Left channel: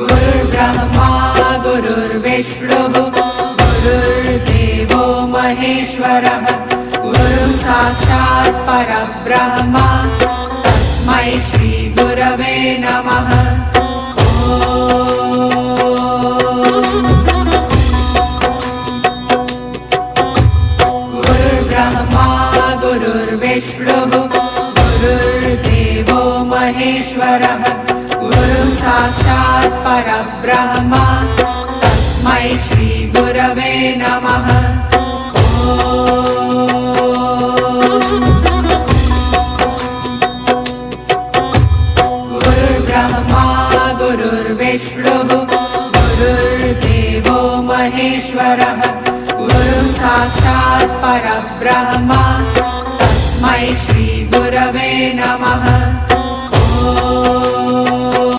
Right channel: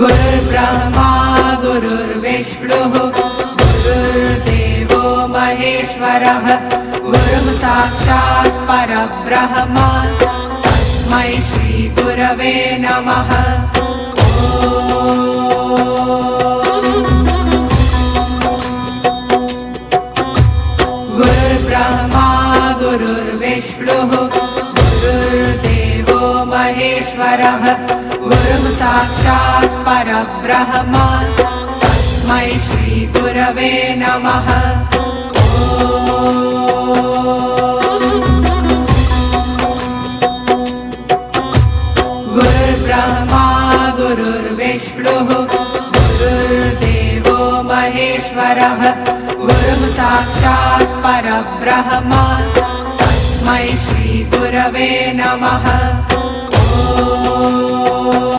गुरुर्ब्रह्मा गुरुर्विष्णुः गुरुर्देवो महेश्वरः गुरुः साक्षात् परब्रह्म तस्मै श्री गुरवे नमः। गुरुर्ब्रह्मा गुरुर्विष्णुः गुरुर्देवो महेश्वरः गुरुः साक्षात् परब्रह्म तस्मै श्री गुरवे नमः। गुरुर्ब्रह्मा गुरुर्विष्णुः गुरुर्देवो महेश्वरः